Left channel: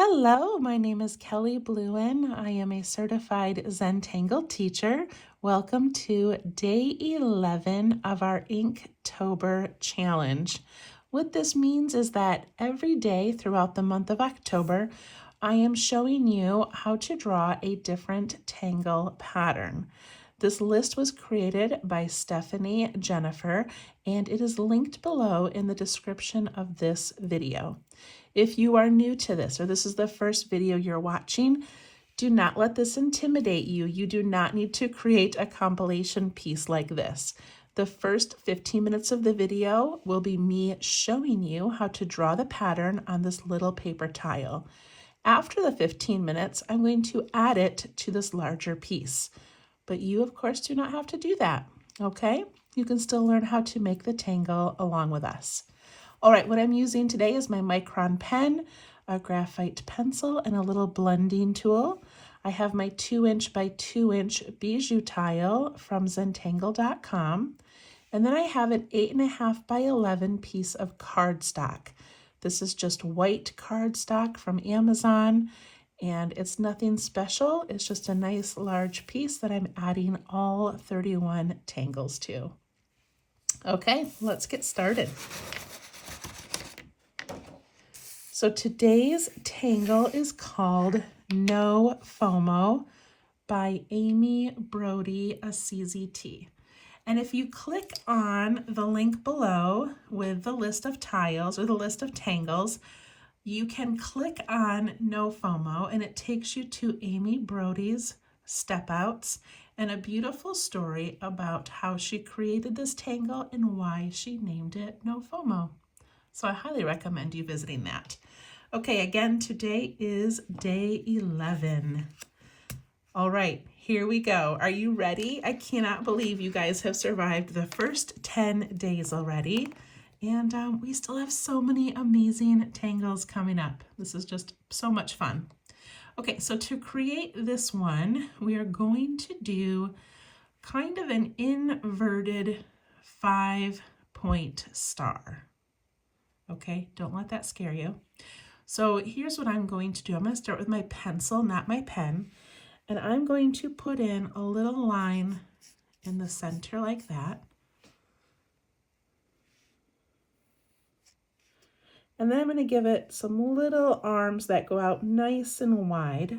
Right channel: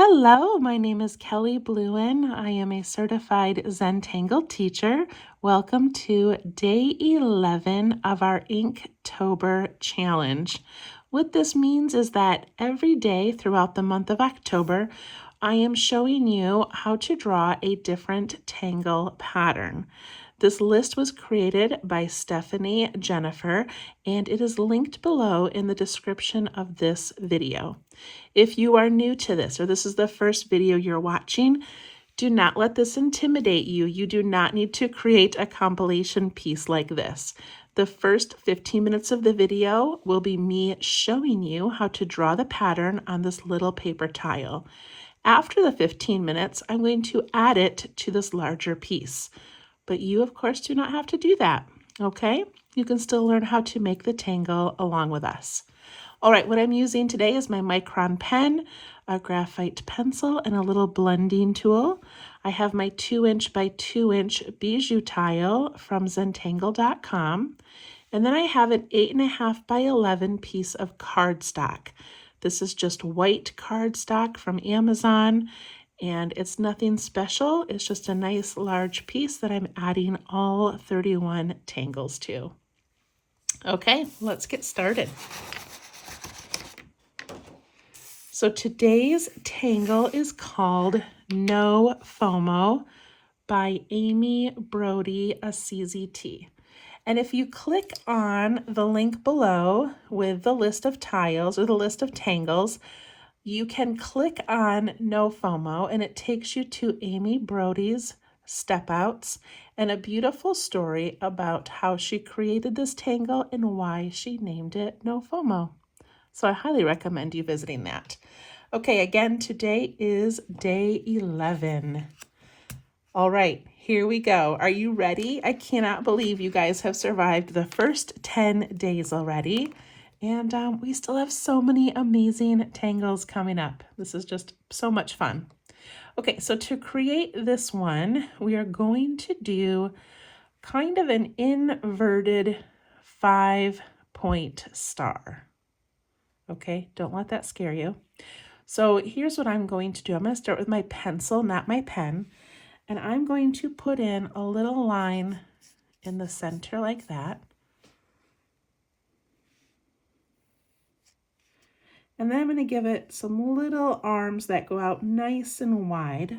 Hello, my name is Kelly Bluen. I am a certified Zentangle teacher. Welcome to day 11 of our Inktober challenge. What this means is that every day throughout the month of October, I am showing you how to draw a different tangle pattern. This list was created by Stephanie Jennifer, and it is linked below in the description of this video. If you are new to this, or this is the first video you're watching, do not let this intimidate you. You do not need to create a compilation piece like this. The first 15 minutes of the video will be me showing you how to draw the pattern on this little paper tile. After the 15 minutes, I'm going to add it to this larger piece. But you, of course, do not have to do that, okay? You can still learn how to make the tangle along with us. All right, what I'm using today is my micron pen, a graphite pencil, and a little blending tool. I have my 2" by 2" bijou tile from Zentangle.com. And then I have an 8.5 by 11 piece of cardstock. This is just white cardstock from Amazon. And it's nothing special. It's just a nice large piece that I'm adding all 31 tangles to. Okay, let's get started. So today's tangle is called Nofomo by Amy Brody, a CZT. And if you click on the link below with the list of tiles or the list of tangles, you can click on Nofomo and it takes you to Amy Brody's step outs and a beautiful story about how she created this tangle and why she named it Nofomo. So I highly recommend you visiting that. Okay, again, today is day 11. All right, here we go. Are you ready? I cannot believe you guys have survived the first 10 days already. And we still have so many amazing tangles coming up. This is just so much fun. Okay, so to create this one, we are going to do kind of an inverted 5-point star. Okay, don't let that scare you. So here's what I'm going to do. I'm going to start with my pencil, not my pen, and I'm going to put in a little line in the center like that. And then I'm going to give it some little arms that go out nice and wide.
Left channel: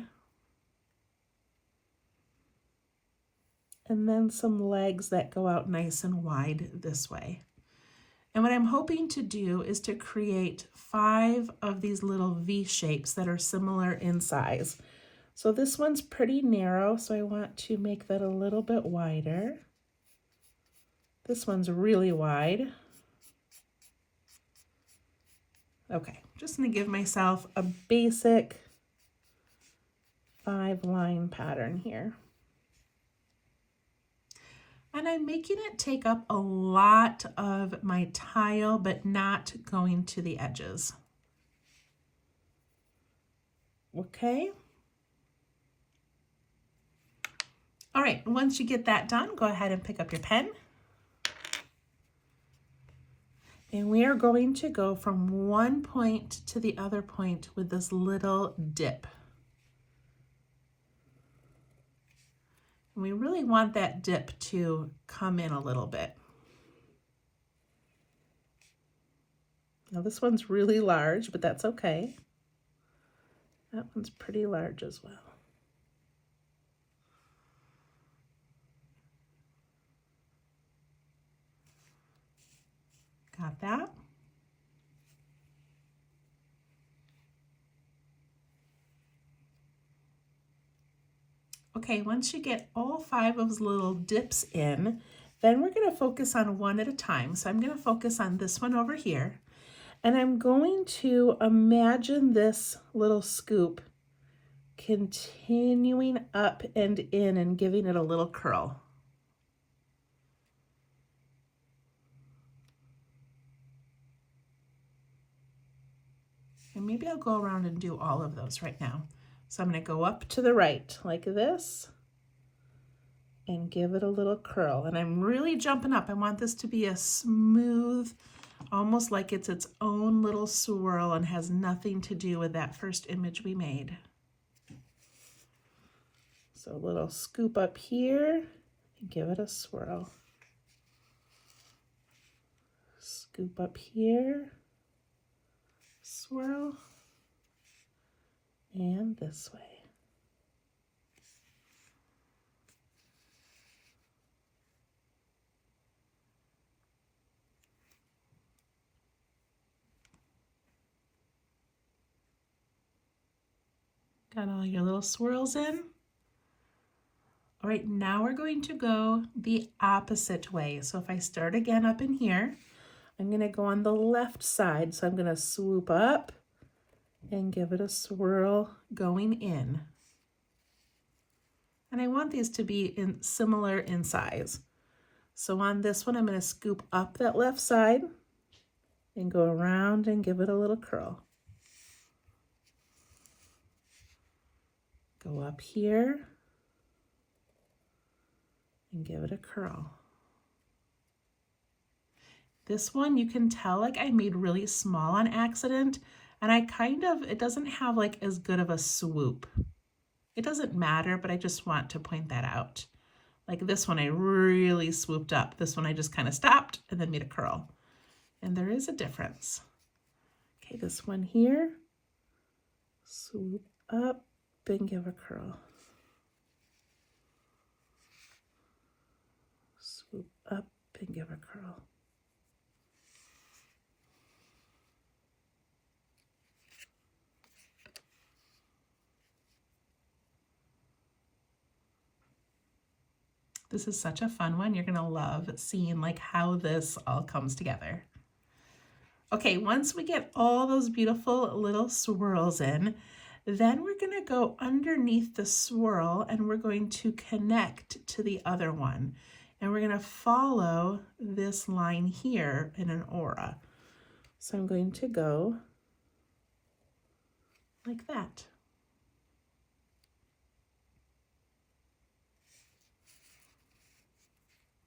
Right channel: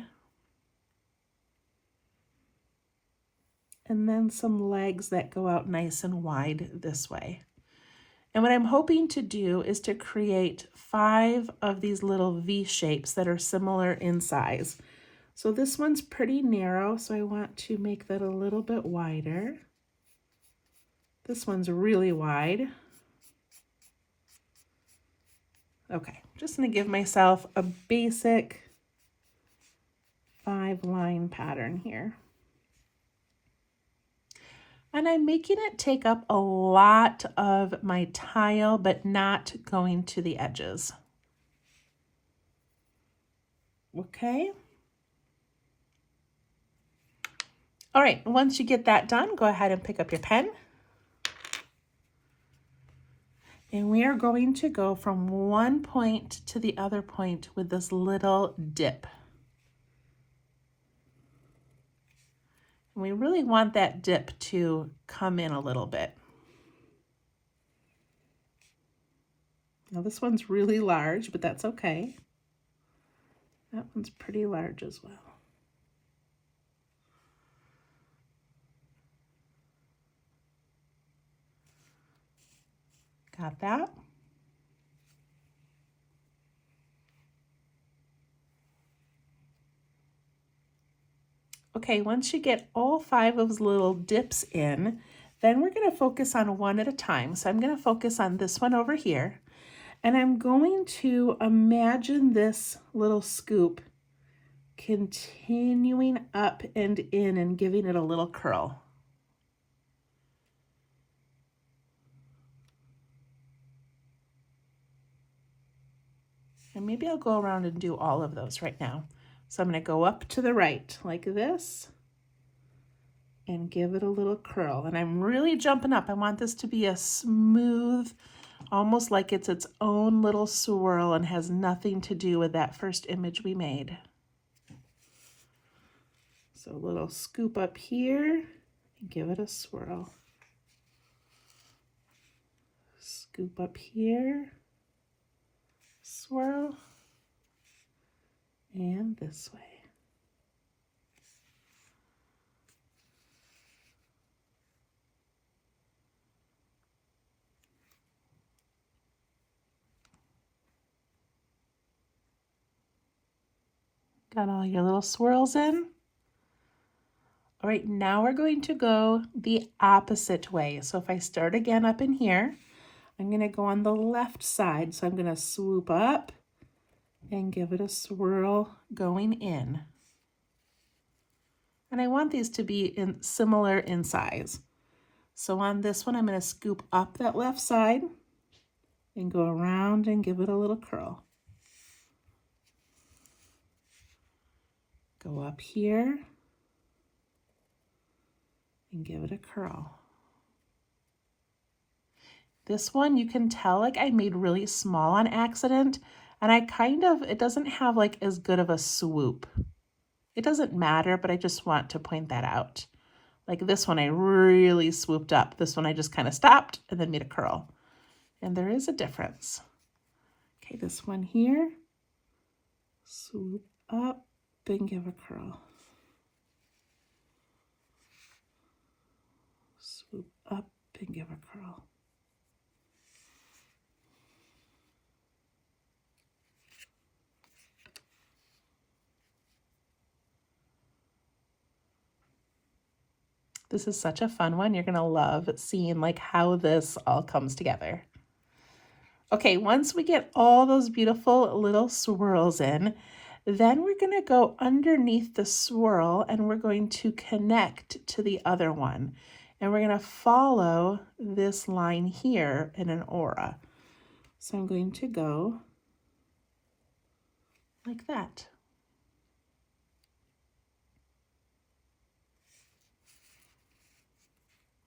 And then some legs that go out nice and wide this way. And what I'm hoping to do is to create 5 of these little V shapes that are similar in size. So this one's pretty narrow, so I want to make that a little bit wider. This one's really wide. Okay, just gonna give myself a basic 5-line pattern here. And I'm making it take up a lot of my tile, but not going to the edges. Okay. All right, once you get that done, go ahead and pick up your pen. And we are going to go from one point to the other point with this little dip. And we really want that dip to come in a little bit. Now this one's really large, but that's okay. That one's pretty large as well. Got that? Okay, once you get all 5 of those little dips in, then we're going to focus on one at a time. So I'm going to focus on this one over here, and I'm going to imagine this little scoop continuing up and in and giving it a little curl. And maybe I'll go around and do all of those right now. So I'm going to go up to the right like this and give it a little curl. And I'm really jumping up. I want this to be a smooth, almost like it's its own little swirl and has nothing to do with that first image we made. So a little scoop up here and give it a swirl. Scoop up here, swirl, and this way. Got all your little swirls in? All right, now we're going to go the opposite way. So if I start again up in here, I'm going to go on the left side. So I'm going to swoop up and give it a swirl going in. And I want these to be similar in size. So on this one, I'm going to scoop up that left side and go around and give it a little curl. Go up here and give it a curl. This one, you can tell like I made really small on accident, and it doesn't have like as good of a swoop. It doesn't matter, but I just want to point that out. Like this one, I really swooped up. This one, I just kind of stopped and then made a curl. And there is a difference. Okay, this one here, swoop up and give a curl. Swoop up and give a curl. This is such a fun one. You're gonna love seeing like how this all comes together. Okay, once we get all those beautiful little swirls in, then we're gonna go underneath the swirl and we're going to connect to the other one. And we're gonna follow this line here in an aura. So I'm going to go like that.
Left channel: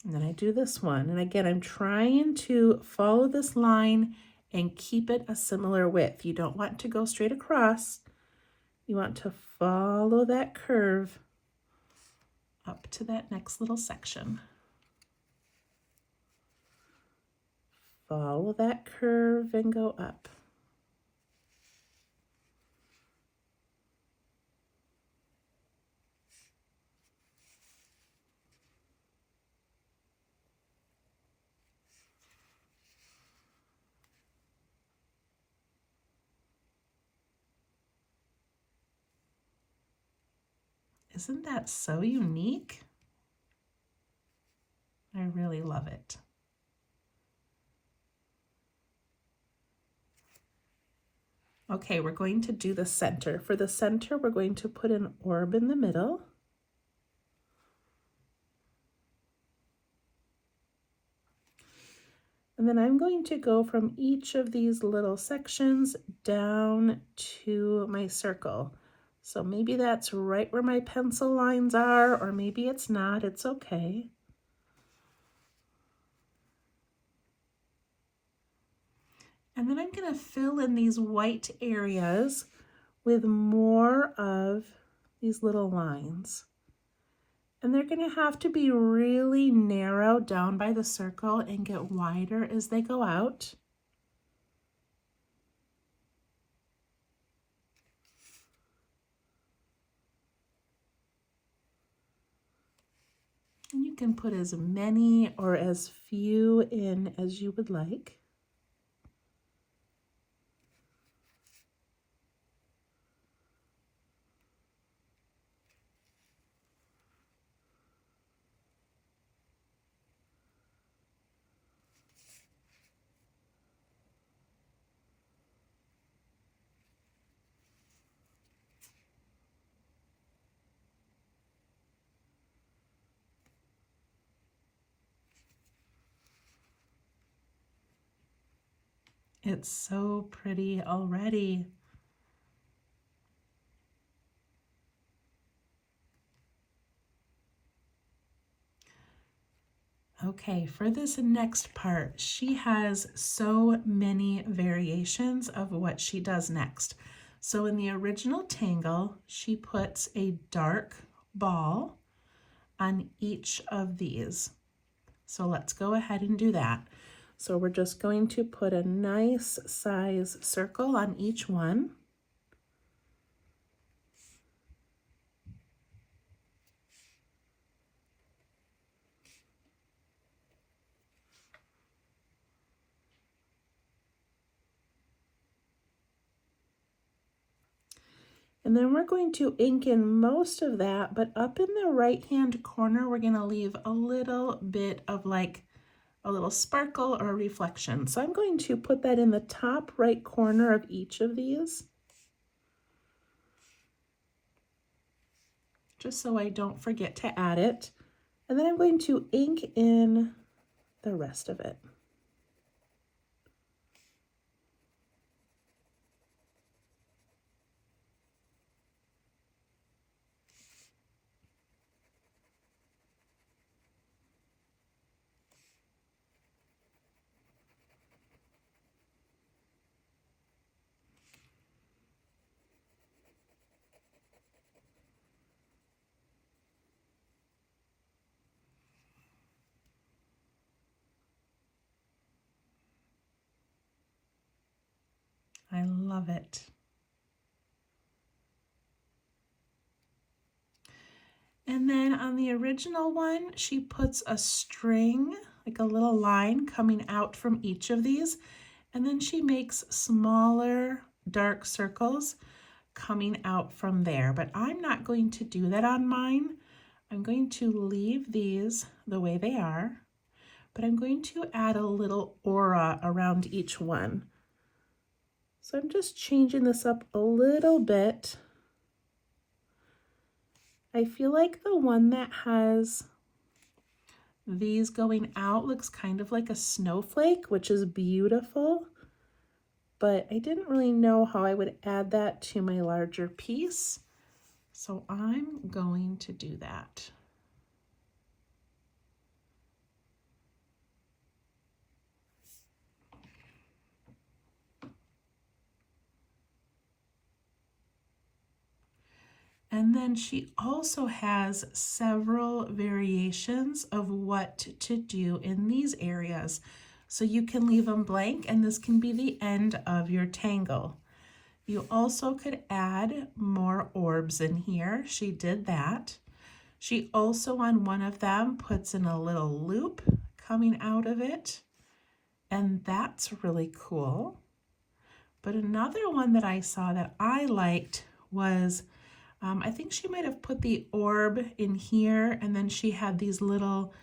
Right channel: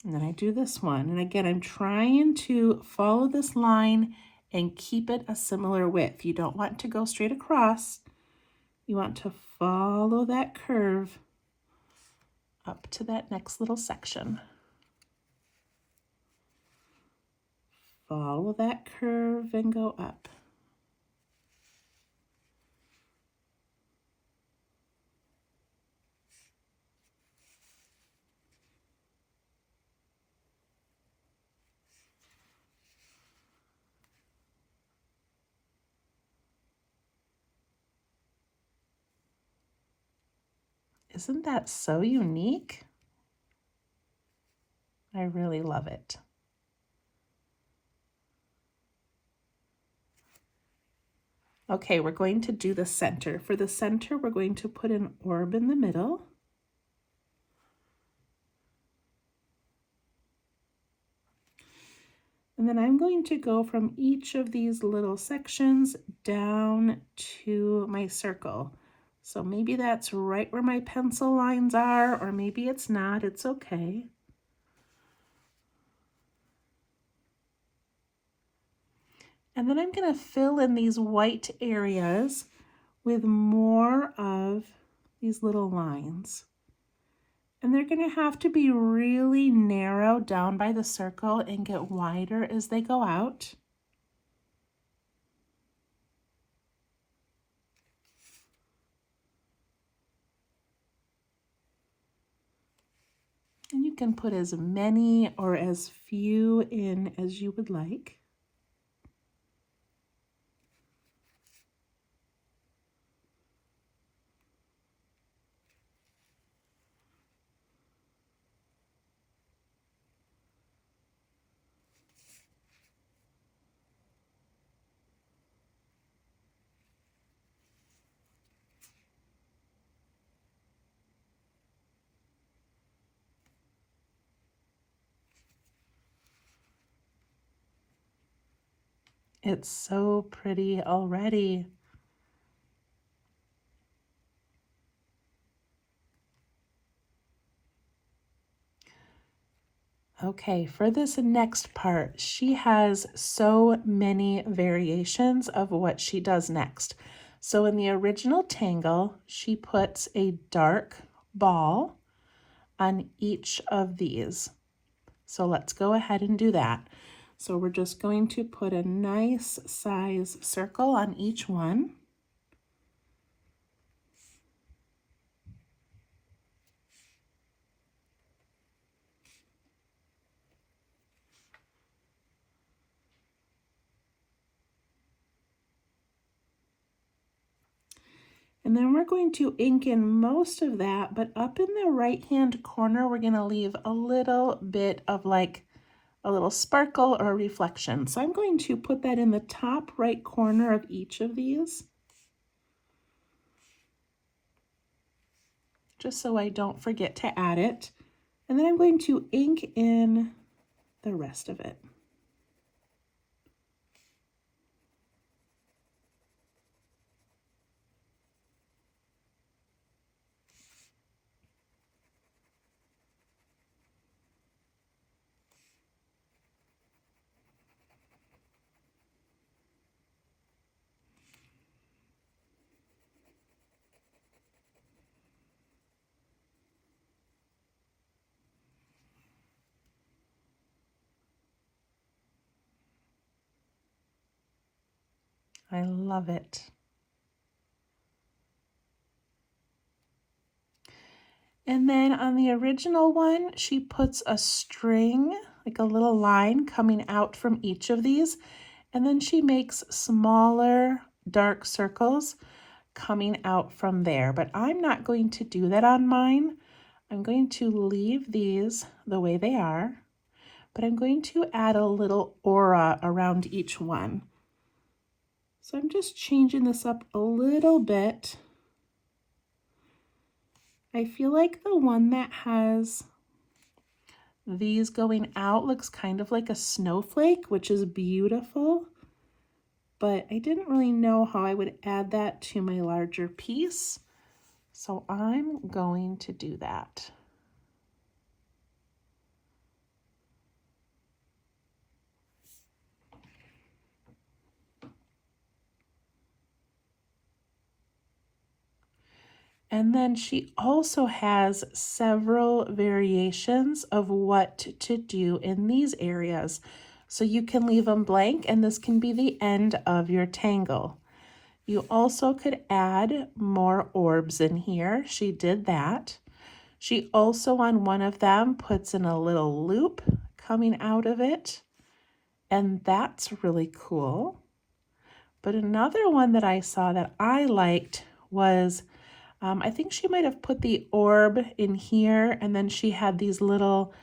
And then I do this one. And again, I'm trying to follow this line and keep it a similar width. You don't want to go straight across. You want to follow that curve up to that next little section. Follow that curve and go up. Isn't that so unique? I really love it. Okay, we're going to do the center. For the center, we're going to put an orb in the middle. And then I'm going to go from each of these little sections down to my circle. So maybe that's right where my pencil lines are, or maybe it's not, it's okay. And then I'm going to fill in these white areas with more of these little lines. And they're going to have to be really narrow down by the circle and get wider as they go out. And you can put as many or as few in as you would like. It's so pretty already. Okay, for this next part, she has so many variations of what she does next. So in the original tangle, she puts a dark ball on each of these. So let's go ahead and do that. So we're just going to put a nice size circle on each one. And then we're going to ink in most of that, but up in the right-hand corner, we're going to leave a little bit of like a little sparkle or reflection. So I'm going to put that in the top right corner of each of these, just so I don't forget to add it. And then I'm going to ink in the rest of it. I love it. And then on the original one, she puts a string, like a little line coming out from each of these. And then she makes smaller dark circles coming out from there. But I'm not going to do that on mine. I'm going to leave these the way they are, but I'm going to add a little aura around each one. So I'm just changing this up a little bit. I feel like the one that has these going out looks kind of like a snowflake, which is beautiful, but I didn't really know how I would add that to my larger piece. So I'm going to do that. And then she also has several variations of what to do in these areas. So you can leave them blank, and this can be the end of your tangle. You also could add more orbs in here. She did that. She also on one of them puts in a little loop coming out of it, and that's really cool. But another one that I saw that I liked was I think she might have put the orb in here, and then she had these little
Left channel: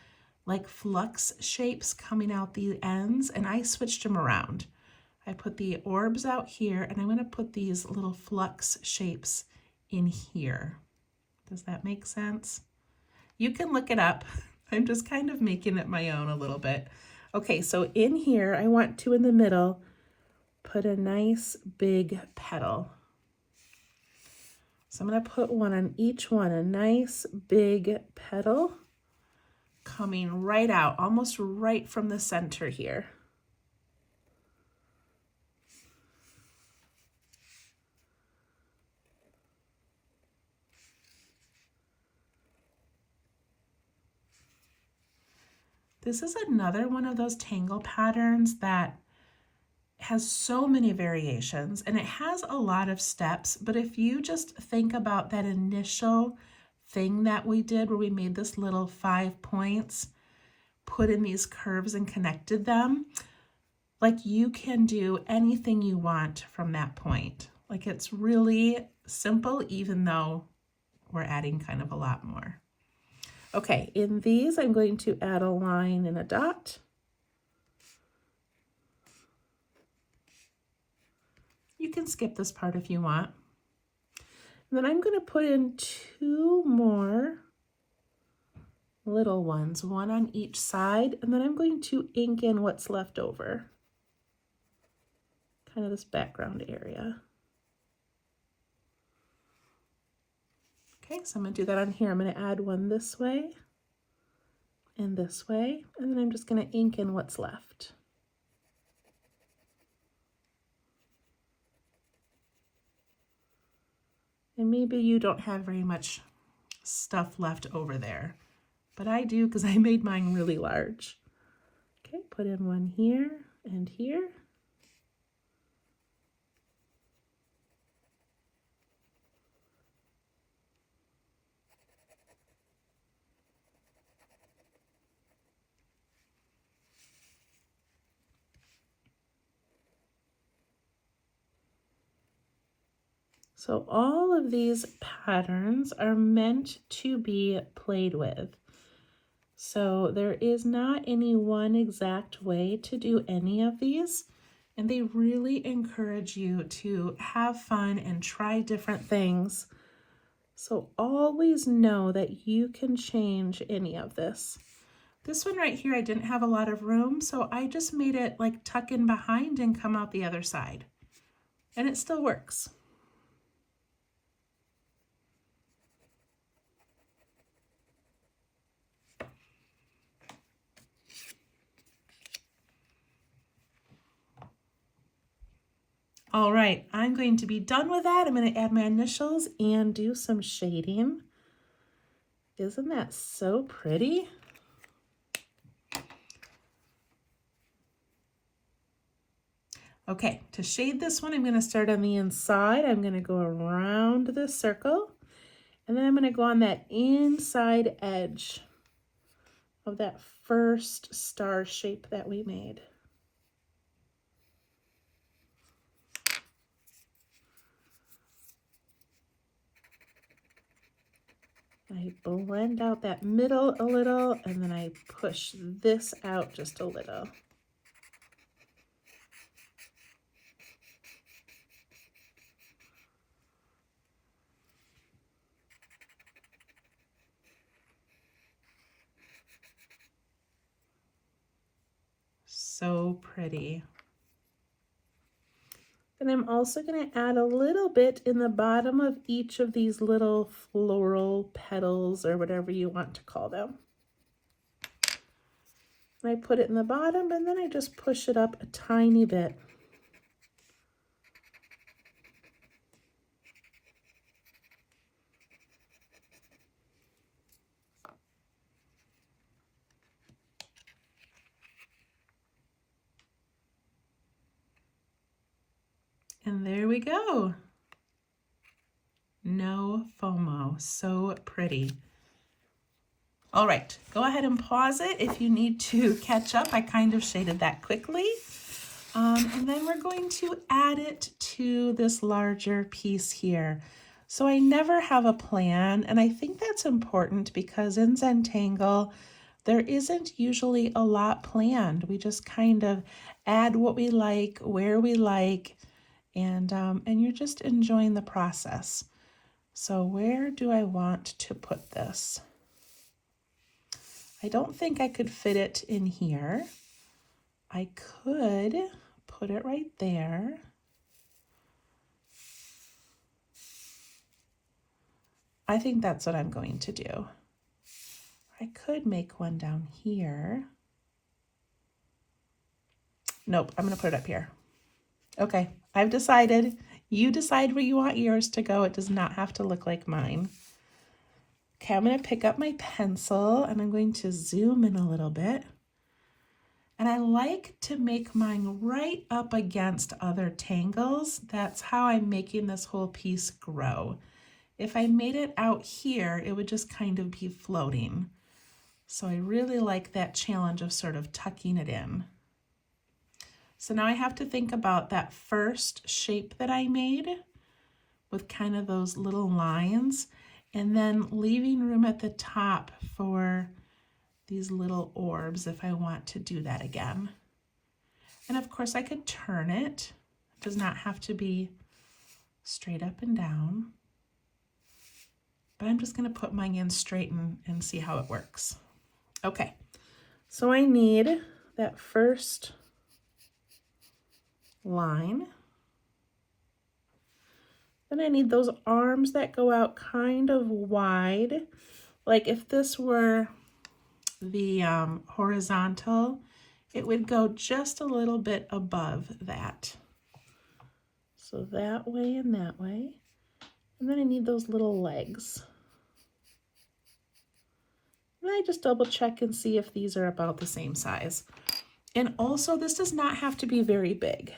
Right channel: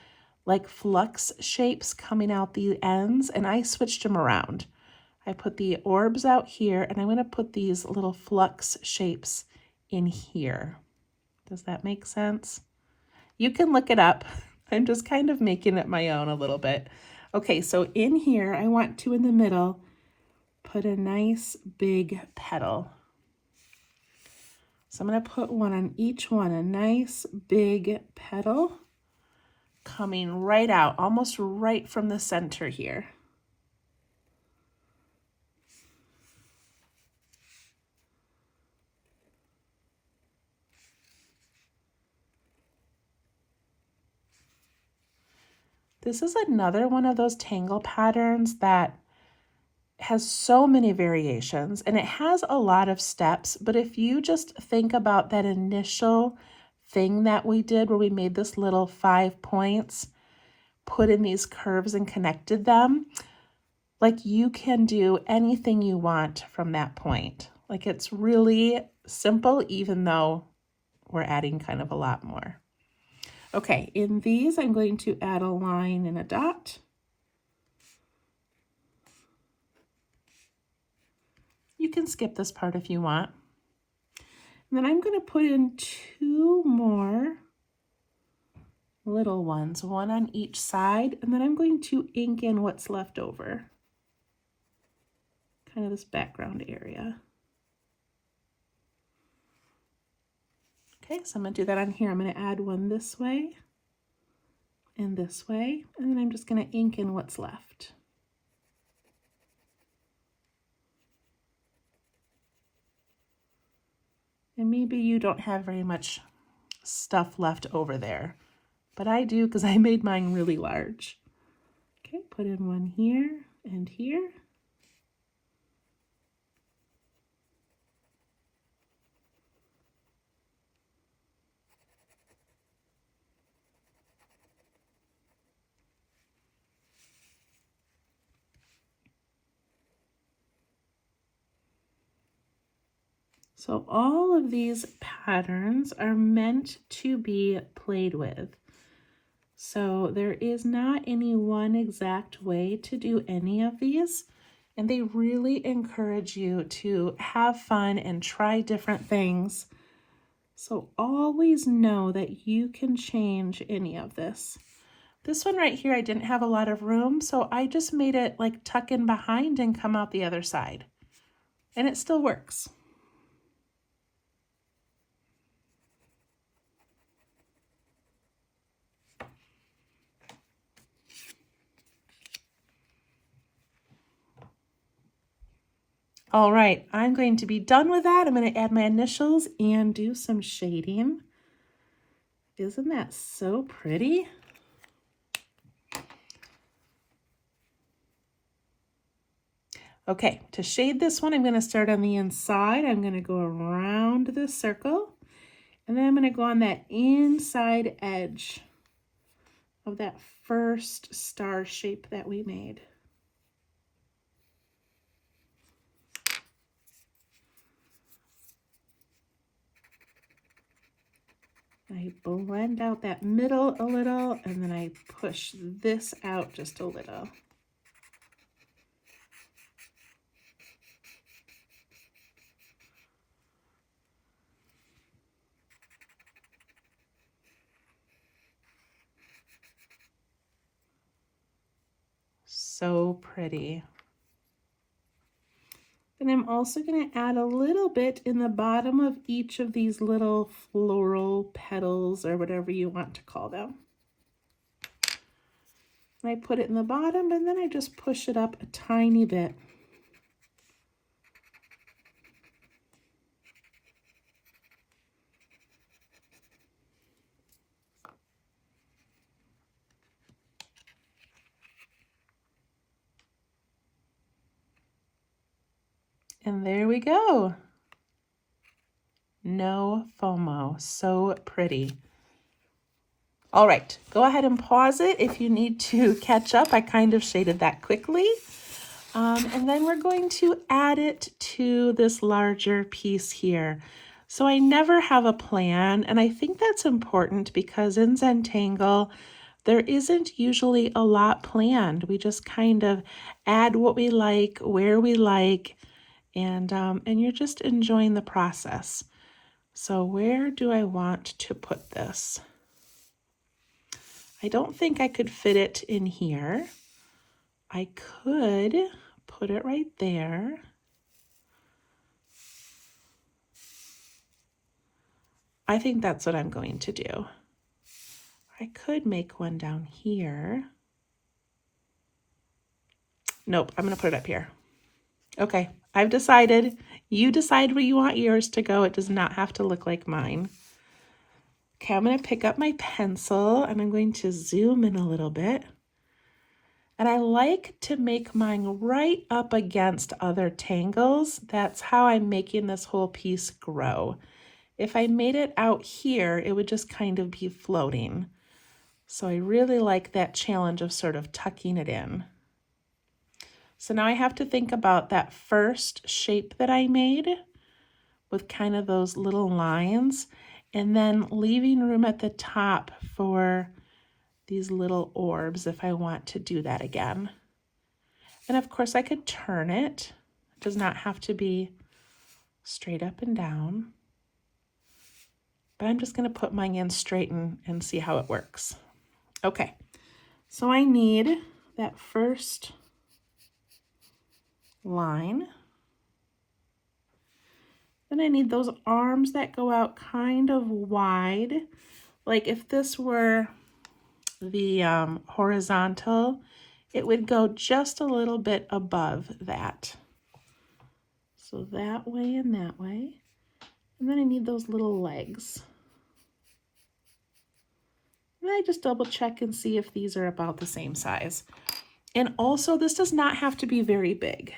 like flux shapes coming out the ends, and I switched them around. I put the orbs out here, and I'm going to put these little flux shapes in here. Does that make sense? You can look it up. I'm just kind of making it my own a little bit. Okay, so in here, I want to, in the middle, put a nice big petal. So I'm going to put one on each one, a nice big petal coming right out, almost right from the center here. This is another one of those tangle patterns that has so many variations, and it has a lot of steps, but if you just think about that initial thing that we did where we made this little 5 points, put in these curves and connected them, like you can do anything you want from that point. Like it's really simple, even though we're adding kind of a lot more. Okay, in these, I'm going to add a line and a dot. You can skip this part if you want. And then I'm going to put in 2 more little ones, one on each side, and then I'm going to ink in what's left over, kind of this background area. Okay, so I'm going to do that on here. I'm going to add one this way and this way, and then I'm just going to ink in what's left. And maybe you don't have very much stuff left over there, but I do because I made mine really large. Okay, put in one here and here. So all of these patterns are meant to be played with. So there is not any one exact way to do any of these, and they really encourage you to have fun and try different things. So always know that you can change any of this. This one right here, I didn't have a lot of room, so I just made it like tuck in behind and come out the other side. And it still works. All right, I'm going to be done with that. I'm going to add my initials and do some shading. Isn't that so pretty? Okay, to shade this one, I'm going to start on the inside. I'm going to go around the circle, and then I'm going to go on that inside edge of that first star shape that we made. I blend out that middle a little, and then I push this out just a little. So pretty. And I'm also going to add a little bit in the bottom of each of these little floral petals or whatever you want to call them. I put it in the bottom and then I just push it up a tiny bit. And there we go. Nofomo, so pretty. All right, go ahead and pause it if you need to catch up. I kind of shaded that quickly. And then we're going to add it to this larger piece here. So I never have a plan, and I think that's important because in Zentangle, there isn't usually a lot planned. We just kind of add what we like, where we like, and you're just enjoying the process. So where do I want to put this? I don't think I could fit it in here. I could put it right there. I think that's what I'm going to do. I could make one down here. Nope, I'm going to put it up here. Okay, I've decided. You decide where you want yours to go. It does not have to look like mine. Okay, I'm going to pick up my pencil and I'm going to zoom in a little bit. And I like to make mine right up against other tangles. That's how I'm making this whole piece grow. If I made it out here, it would just kind of be floating. So I really like that challenge of sort of tucking it in. So now I have to think about that first shape that I made with kind of those little lines, and then leaving room at the top for these little orbs if I want to do that again. And of course I could turn it. It does not have to be straight up and down. But I'm just going to put mine in straight and see how it works. Okay, so I need that first line. Then I need those arms that go out kind of wide. Like if this were the horizontal, it would go just a little bit above that. So that way and that way. And then I need those little legs. And I just double check and see if these are about the same size. And also, this does not have to be very big,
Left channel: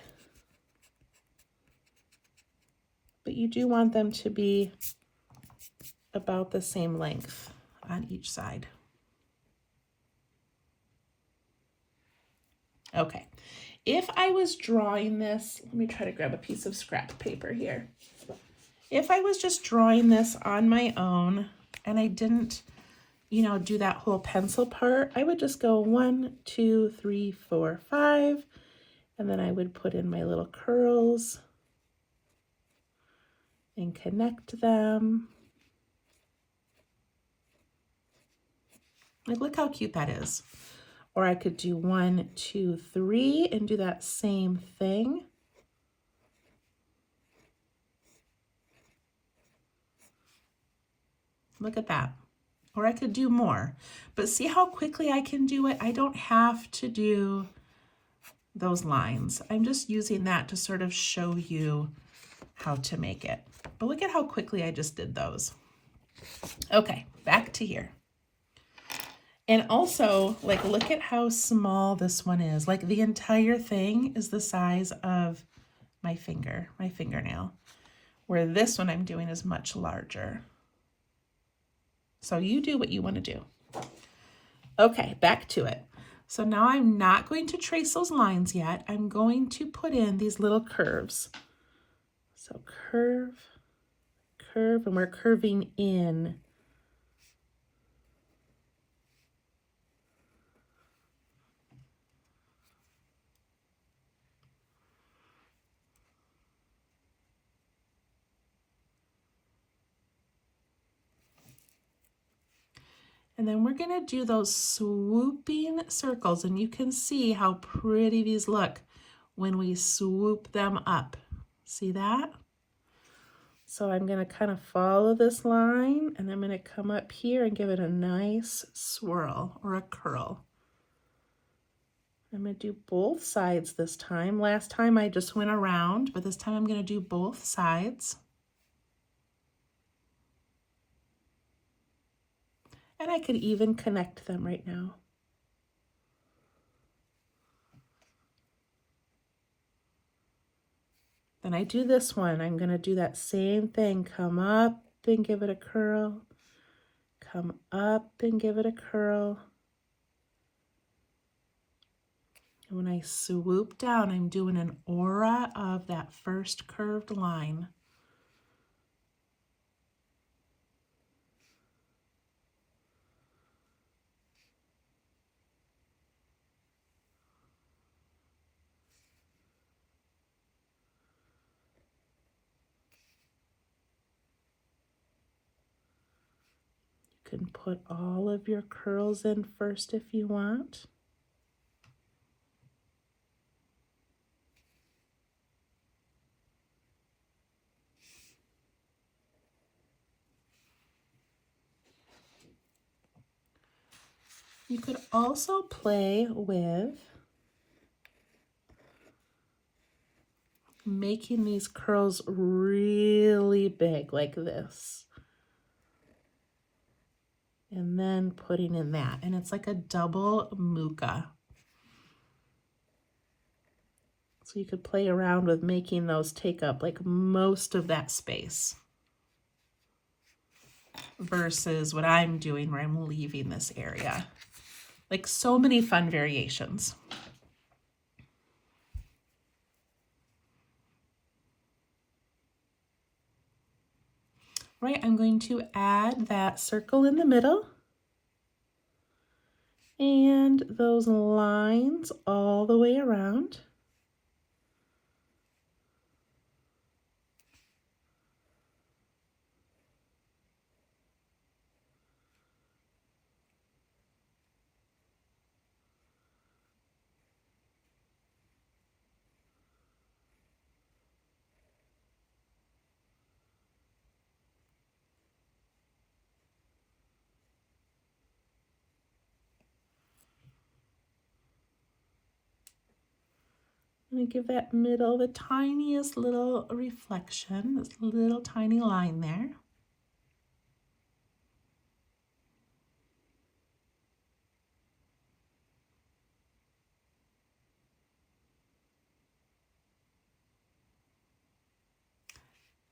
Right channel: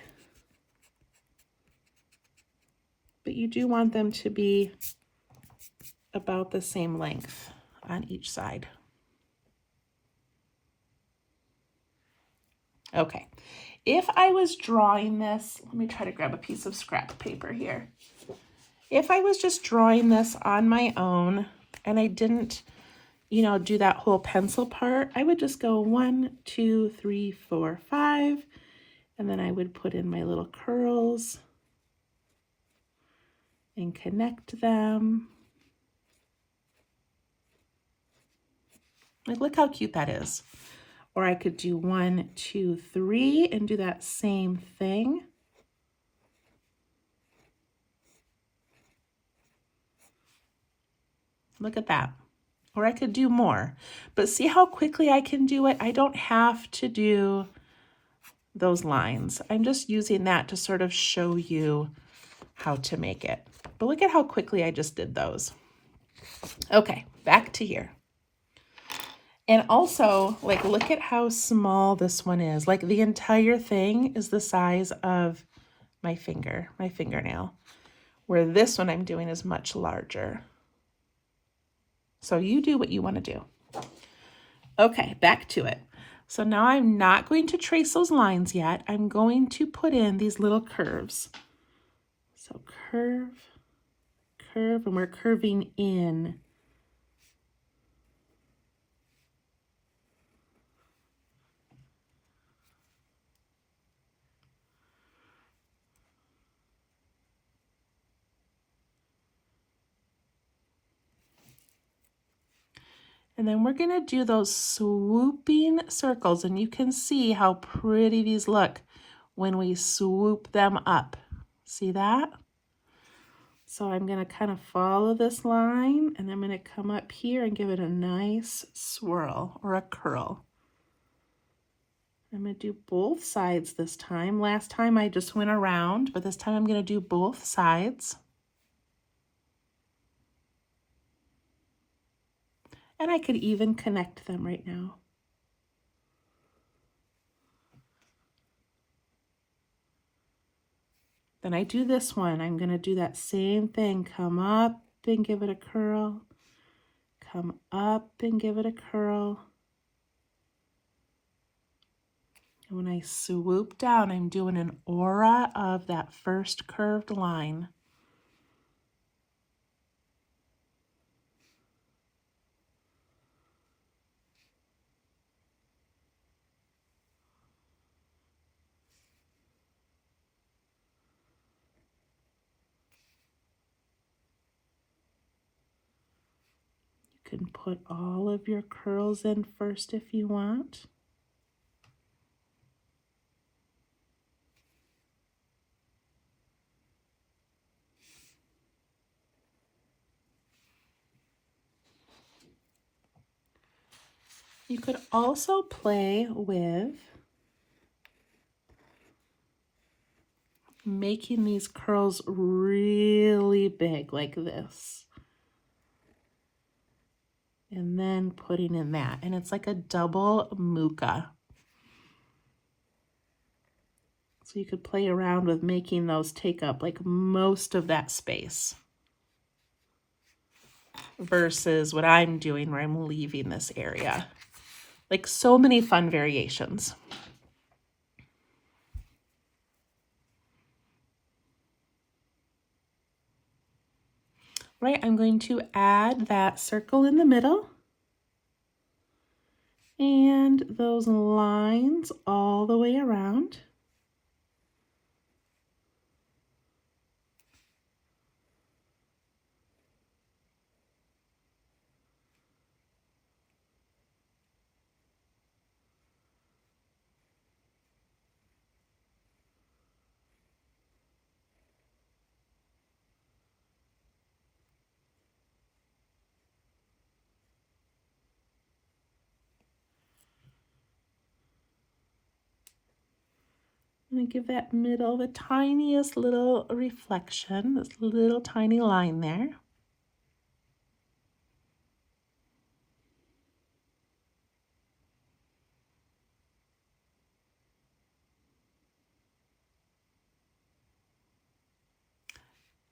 but you do want them to be about the same length on each side. Okay, if I was drawing this, let me try to grab a piece of scrap paper here. If I was just drawing this on my own and I didn't, do that whole pencil part, I would just go 1, 2, 3, 4, 5, and then I would put in my little curls and connect them. Like, look how cute that is. Or I could do 1, 2, 3 and do that same thing. Look at that. Or I could do more. But see how quickly I can do it? I don't have to do those lines. I'm just using that to sort of show you how to make it. But look at how quickly I just did those. Okay, back to here. And also, like, look at how small this one is. Like, the entire thing is the size of my fingernail, where this one I'm doing is much larger. So you do what you want to do. Okay, back to it. So now I'm not going to trace those lines yet. I'm going to put in these little curves. So curve, curve, and we're curving in. And then we're going to do those swooping circles, and you can see how pretty these look when we swoop them up. See that? So I'm going to kind of follow this line, and I'm going to come up here and give it a nice swirl or a curl. I'm going to do both sides this time. Last time I just went around, but this time I'm going to do both sides. And I could even connect them right now. Then I do this one. I'm going to do that same thing. Come up and give it a curl. Come up and give it a curl. And when I swoop down, I'm doing an aura of that first curved line. You can put all of your curls in first if you want. You could also play with making these curls really big like this. And then putting in that. And it's like a double muka. So you could play around with making those take up like most of that space. Versus what I'm doing where I'm leaving this area. Like so many fun variations. Right, I'm going to add that circle in the middle and those lines all the way around. I'm going to give that middle the tiniest little reflection, this little tiny line there.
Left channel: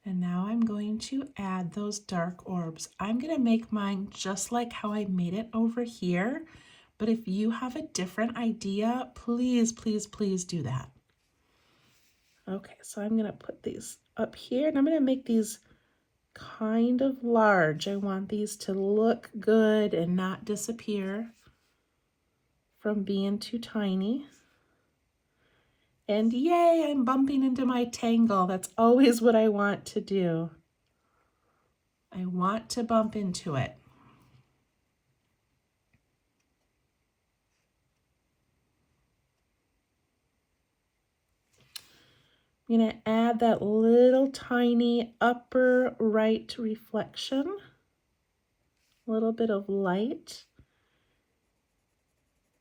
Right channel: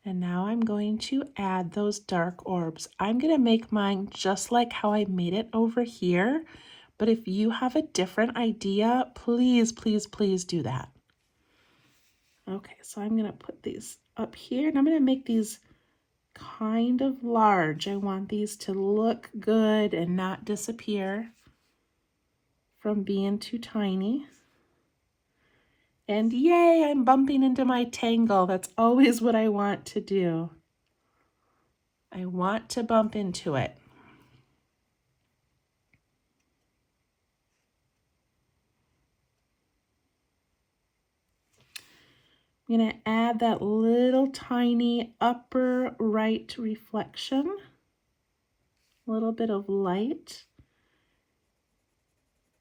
And now I'm going to add those dark orbs. I'm going to make mine just like how I made it over here. But if you have a different idea, please, please, please do that. Okay, so I'm going to put these up here and I'm going to make these kind of large. I want these to look good and not disappear from being too tiny. And yay, I'm bumping into my tangle. That's always what I want to do. I want to bump into it. I'm going to add that little tiny upper right reflection, a little bit of light,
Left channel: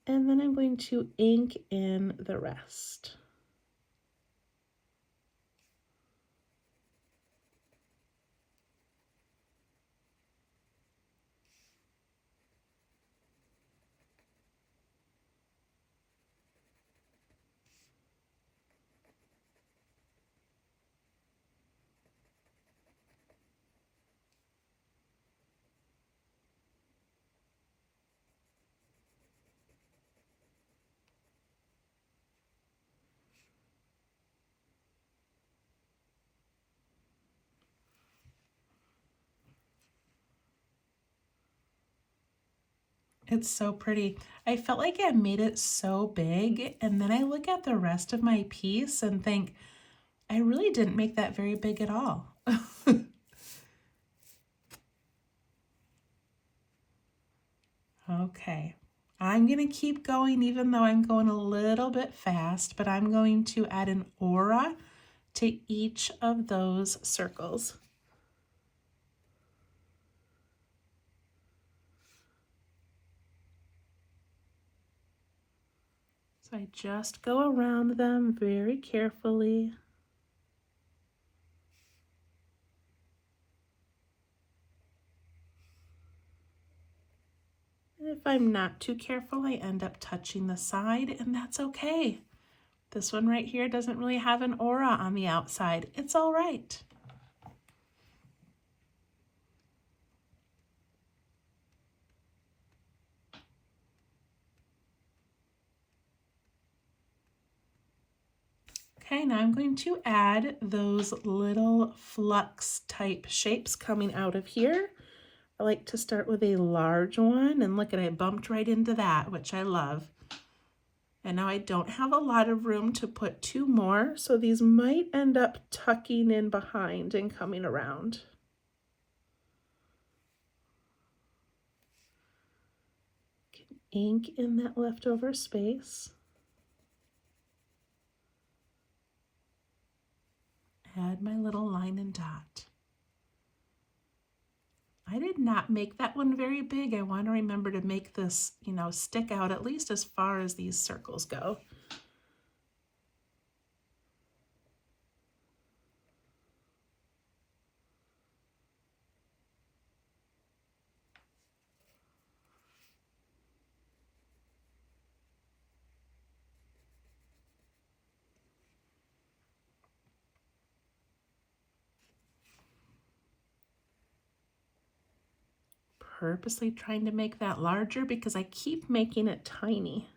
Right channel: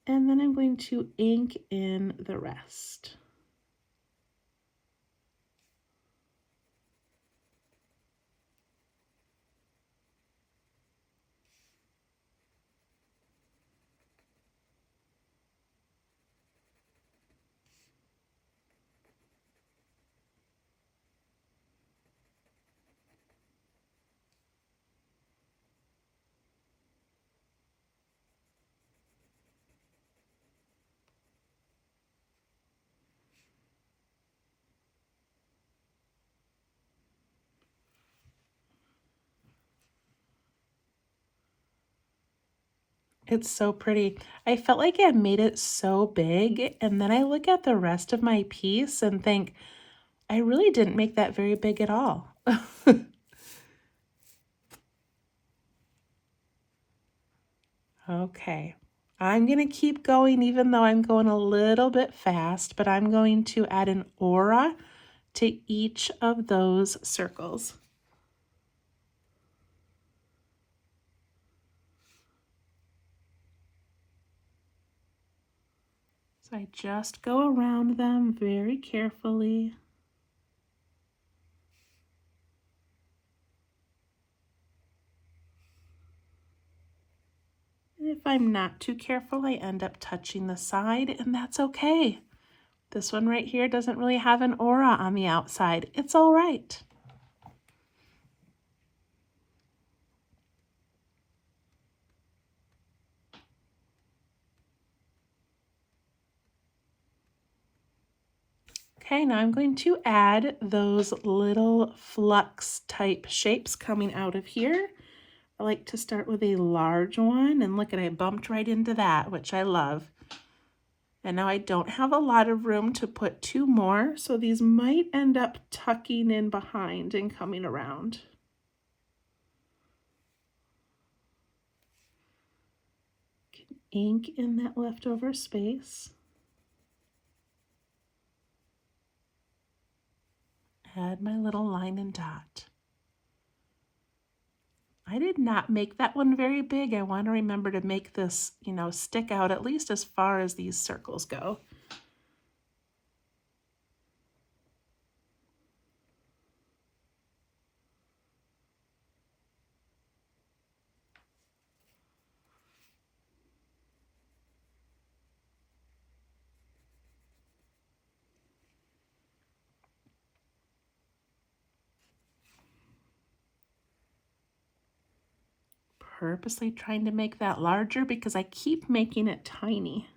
and then I'm going to ink in the rest. It's so pretty. I felt like I made it so big, and then I look at the rest of my piece and think, I really didn't make that very big at all. Okay, I'm going to keep going even though I'm going a little bit fast, but I'm going to add an aura to each of those circles. So I just go around them very carefully. If I'm not too careful, I end up touching the side, and that's okay. This one right here doesn't really have an aura on the outside. It's all right. Okay, now I'm going to add those little flux type shapes coming out of here. I like to start with a large one, and look at, I bumped right into that, which I love. And now I don't have a lot of room to put two more, so these might end up tucking in behind and coming around. Ink in that leftover space. Add my little line and dot. I did not make that one very big. I want to remember to make this, stick out at least as far as these circles go. Purposely trying to make that larger because I keep making it tiny.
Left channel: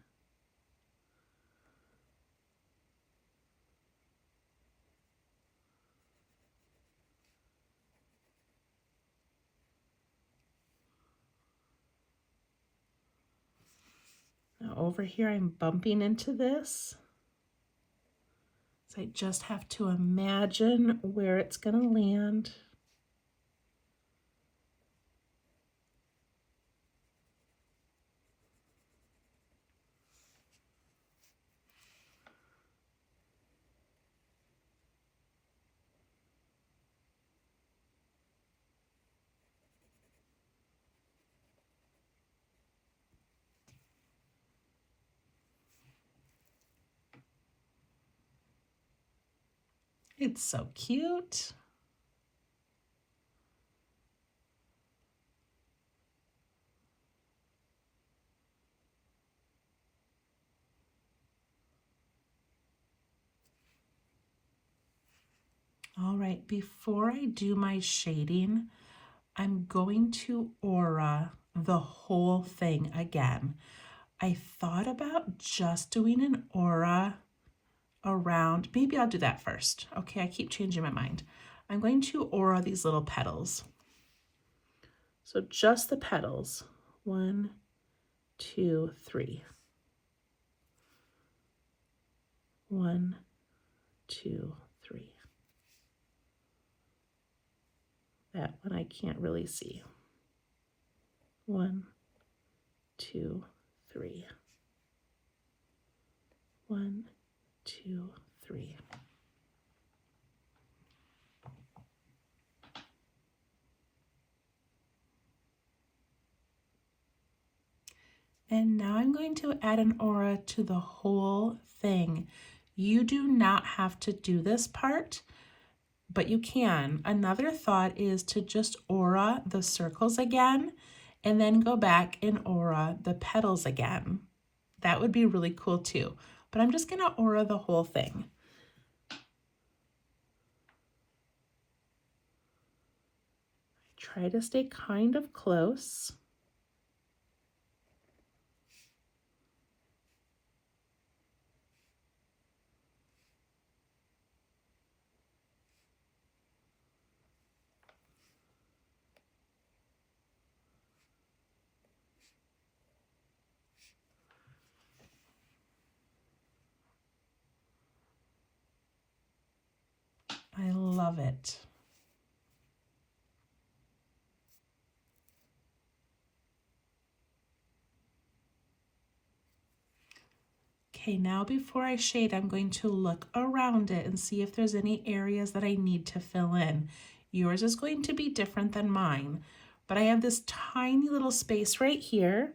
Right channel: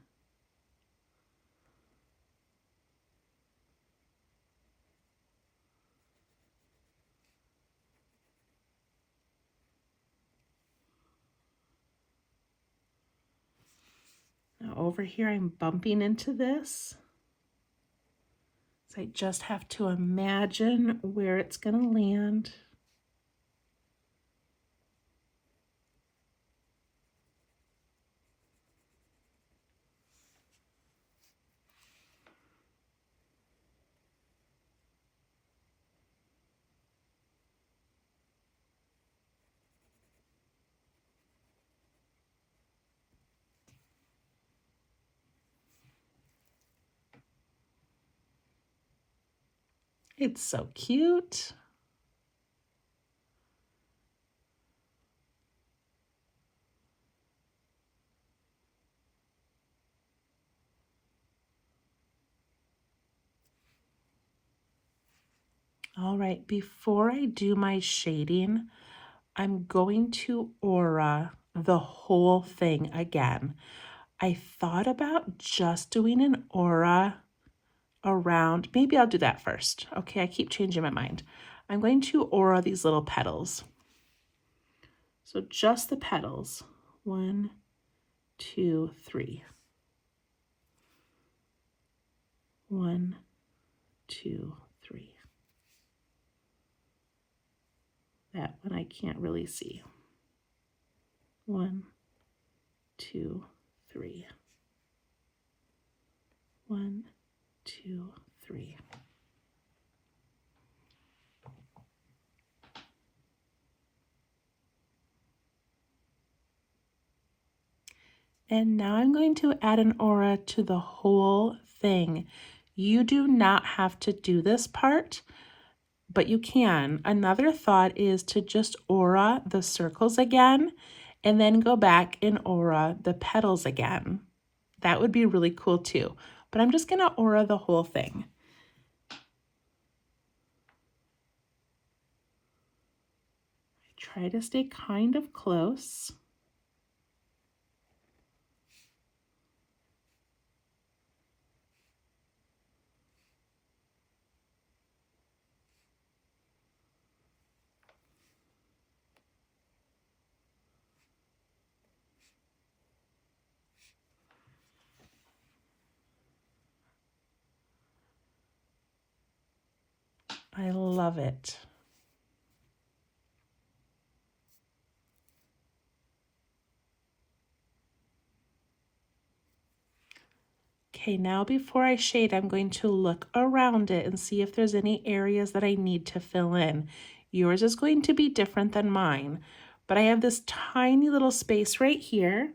Now over here I'm bumping into this. So I just have to imagine where it's going to land. It's so cute. All right, before I do my shading, I'm going to aura the whole thing again. I thought about just doing an aura around, maybe I'll do that first. Okay, I keep changing my mind. I'm going to aura these little petals. So just the petals. 1, 2, 3. 1, 2, 3. That one I can't really see. 1, 2, 3. 1, 2, 3. And now I'm going to add an aura to the whole thing. You do not have to do this part, but you can. Another thought is to just aura the circles again and then go back and aura the petals again. That would be really cool too. But I'm just gonna aura the whole thing. Try to stay kind of close. I love it. Okay, now before I shade, I'm going to look around it and see if there's any areas that I need to fill in. Yours is going to be different than mine, but I have this tiny little space right here.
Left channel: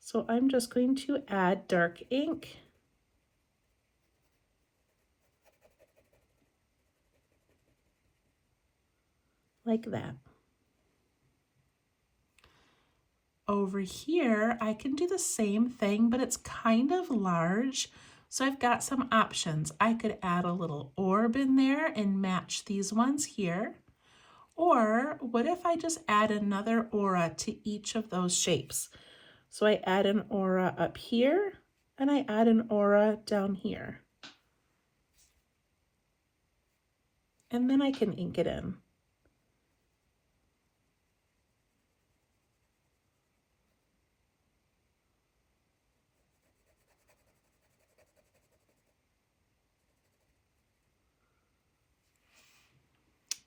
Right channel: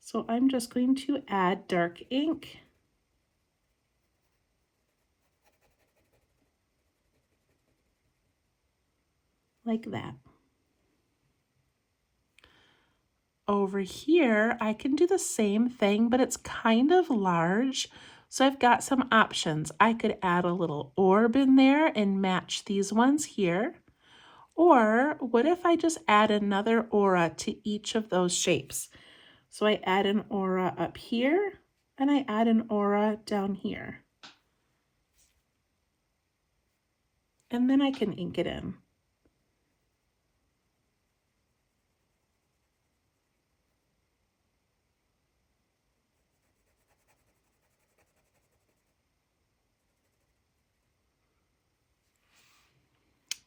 So I'm just going to add dark ink. Like that. Over here, I can do the same thing, but it's kind of large. So I've got some options. I could add a little orb in there and match these ones here. Or what if I just add another aura to each of those shapes? So I add an aura up here and I add an aura down here. And then I can ink it in.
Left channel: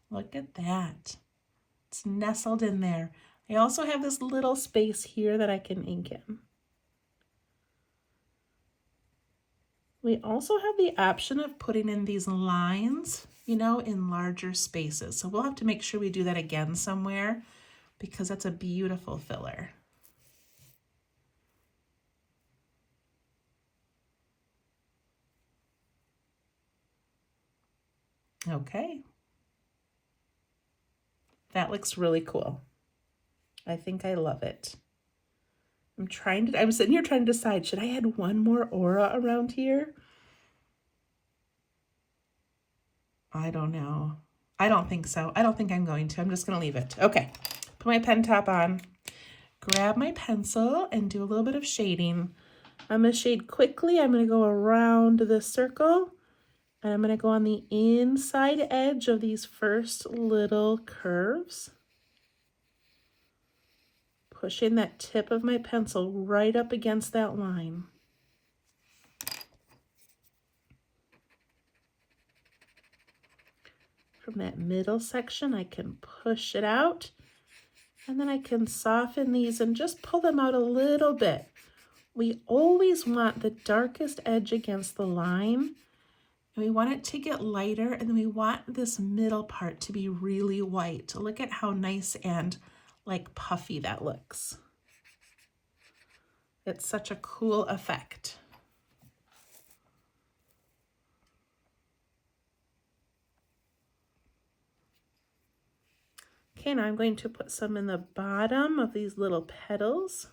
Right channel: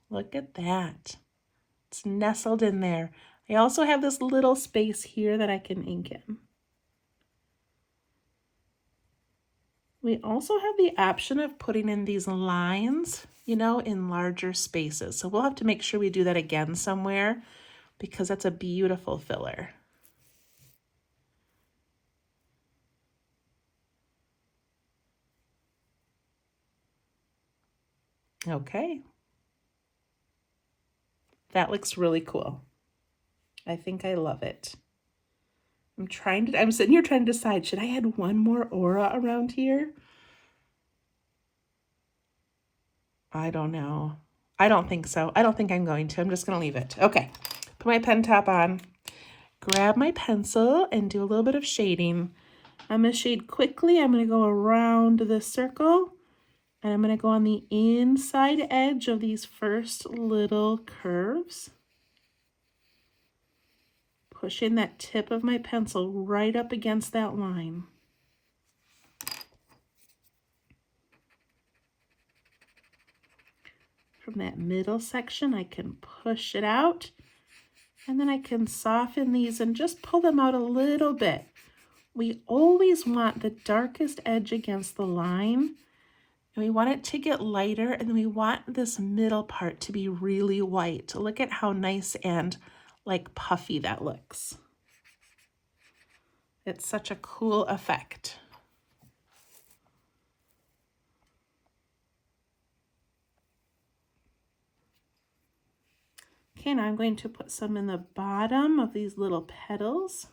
Look at that. It's nestled in there. I also have this little space here that I can ink in. We also have the option of putting in these lines, you know, in larger spaces. So we'll have to make sure we do that again somewhere because that's a beautiful filler. Okay. That looks really cool. I think I love it. I'm sitting here trying to decide, should I add one more aura around here? I don't know. I don't think so. I don't think I'm going to. I'm just going to leave it. Okay. Put my pen top on. Grab my pencil and do a little bit of shading. I'm going to shade quickly. I'm going to go around the circle. And I'm going to go on the inside edge of these first little curves. Pushing that tip of my pencil right up against that line. From that middle section, I can push it out. And then I can soften these and just pull them out a little bit. We always want the darkest edge against the line. And we want it to get lighter, and we want this middle part to be really white. Look at how nice and like puffy that looks. It's such a cool effect. Okay, now I'm going to put some in the bottom of these little petals.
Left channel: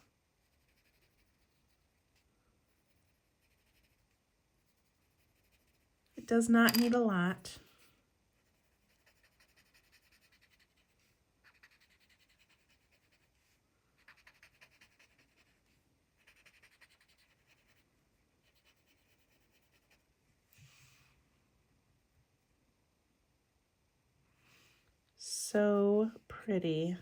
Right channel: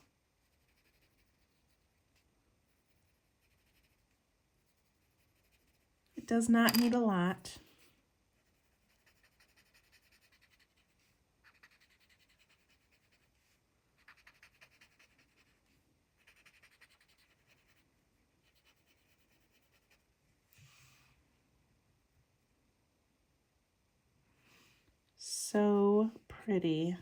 It does not need a lot. So pretty.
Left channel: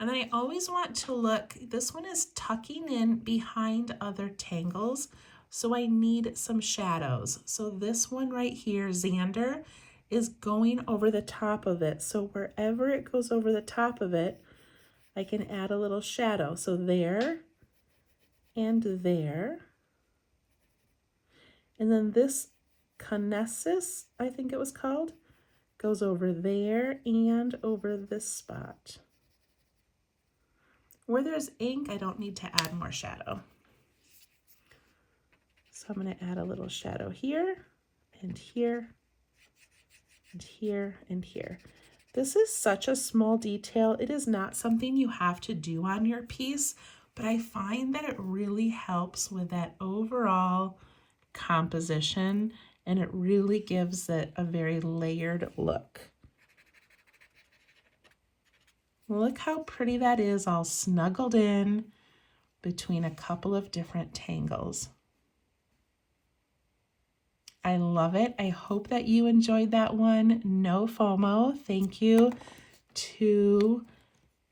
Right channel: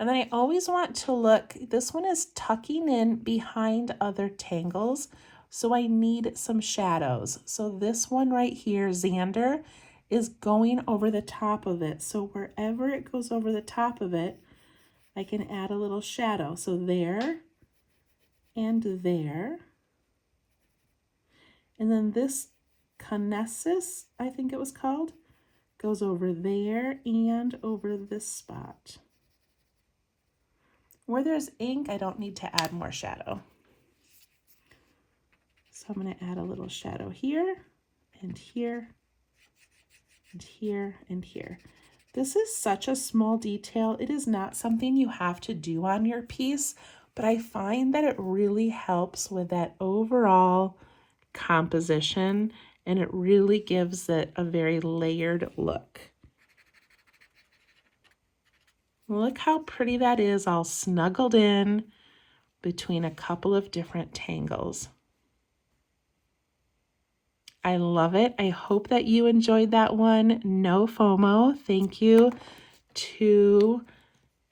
And then I always want to look, this one is tucking in behind other tangles, so I need some shadows. So this one right here, Xander, is going over the top of it. So wherever it goes over the top of it, I can add a little shadow. So there and there. And then this Conessus, I think it was called, goes over there and over this spot. Where there's ink, I don't need to add more shadow. So I'm going to add a little shadow here and here and here and here. This is such a small detail. It is not something you have to do on your piece, but I find that it really helps with that overall composition, and it really gives it a very layered look. Look how pretty that is, all snuggled in between a couple of different tangles. I love it. I hope that you enjoyed that one. Nofomo. Thank you to,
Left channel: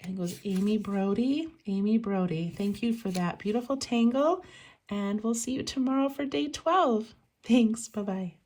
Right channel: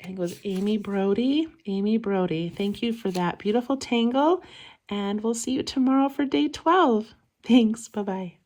I think it was Amy Brody. Amy Brody. Thank you for that beautiful tangle. And we'll see you tomorrow for day 12. Thanks. Bye-bye.